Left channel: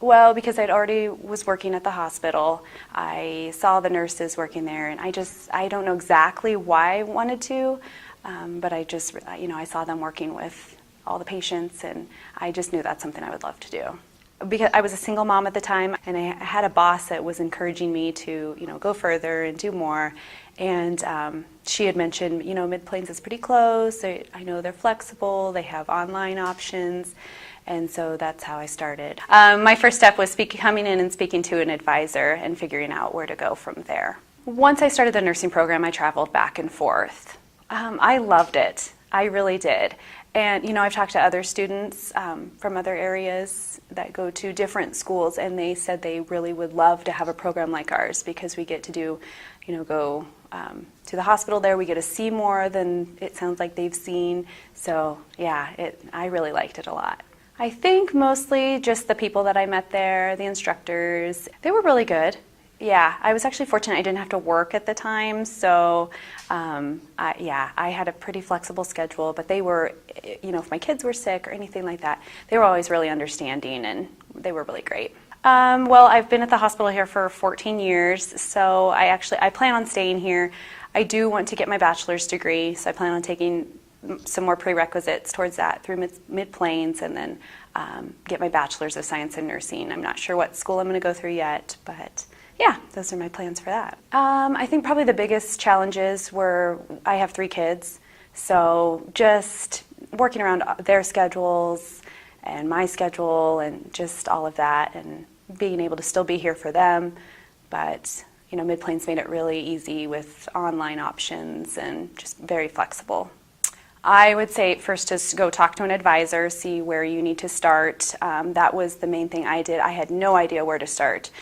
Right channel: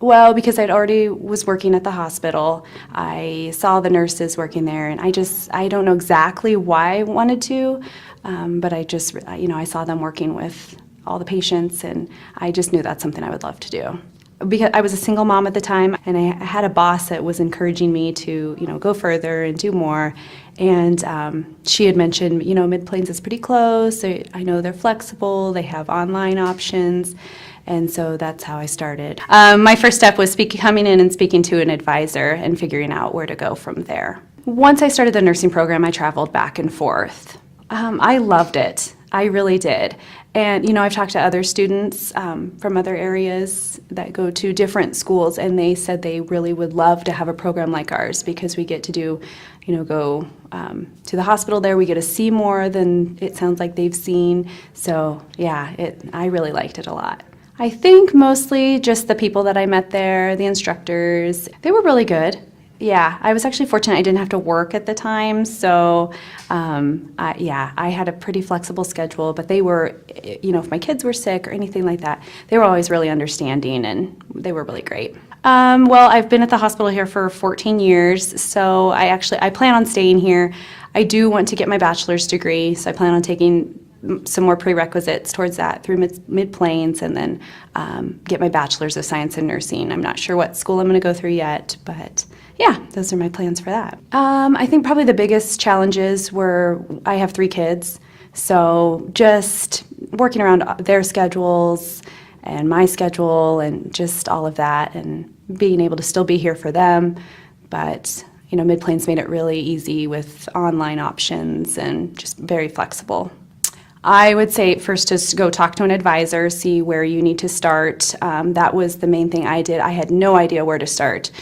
Well, because I'd already was working at the hospital, I saw the nurses working there, and I don't know exactly why I wanted to, but I saw them working with all the patients, and I just knew that's something I would love to do. Because I was a single mom at the time, and I had a boss that was encouraging me to, go further and do more. And she had mentioned, Mid-Plains is pretty close. I know they're flexible. They have online options. And so that's how I started. My first step was coming in and speaking to an advisor and figuring out where to go from there. Once I started the nursing program, I traveled back and forth. I loved it. I really did. And, I've talked to other students from other areas that go to different schools, and they said they really would love to have a program like ours because we get to do, go to the hospital there. We get to see more than it sounds like they've seen. So, yeah, I really liked it a lot. I think mostly just the people that I met there, the instructors. They were really good. Yeah, I was actually fortunate I didn't have to work at the time, so I had a pretty flexible schedule, but they were, if my kids were sick or anything like that, they were always really understanding, and they were really great. Well, I've been at the hospital here for 14 years, so I plan on staying here. I do want to get my bachelor's degree, so I plan on taking some more prerequisites towards that through Mid-Plains, and then get my bachelor's of science in nursing. I'm not sure what school I'm going to go through yet, but yeah, those are my plans for that. I think probably the biggest challenges were I have 3 kids, so just working around their schedules and my schedule and just all of that, and being able to still be here for them. But Mid-Plains made it really easy with online options and just very flexible. I would say first just go talk to an advisor, see where you need to start. That was the main thing I did. I had no idea where to start.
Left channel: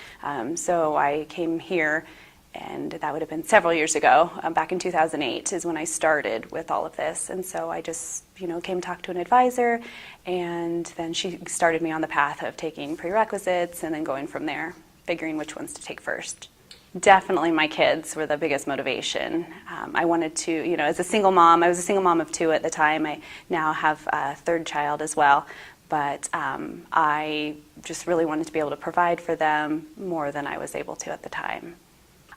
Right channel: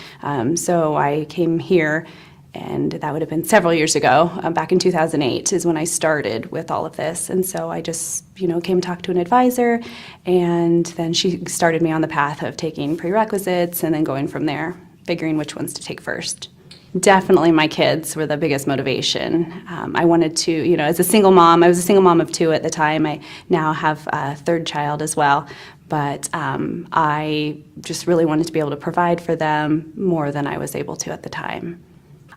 So I came here, and that would have been several years ago. Back in 2008 is when I started with all of this. And so I just, came to talk to an advisor, and then she started me on the path of taking prerequisites and then going from there, figuring which ones to take first. Definitely my kids were the biggest motivation. I wanted to, as a single mom, I was a single mom of 2 at the time. I now have a 3rd child as well. But I just really wanted to be able to provide for them more than I was able to at the time.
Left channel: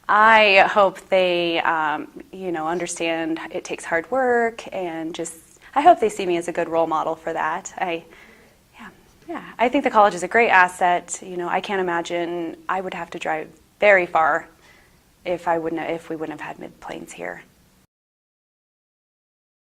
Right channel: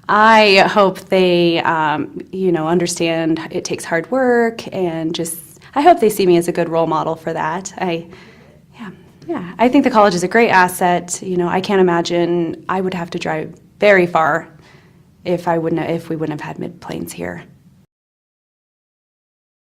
I hope they, understand it takes hard work, and I hope they see me as a good role model for that. Yeah, I think the college is a great asset. I can't imagine I would have to drive very far if we wouldn't have had Mid-Plains here.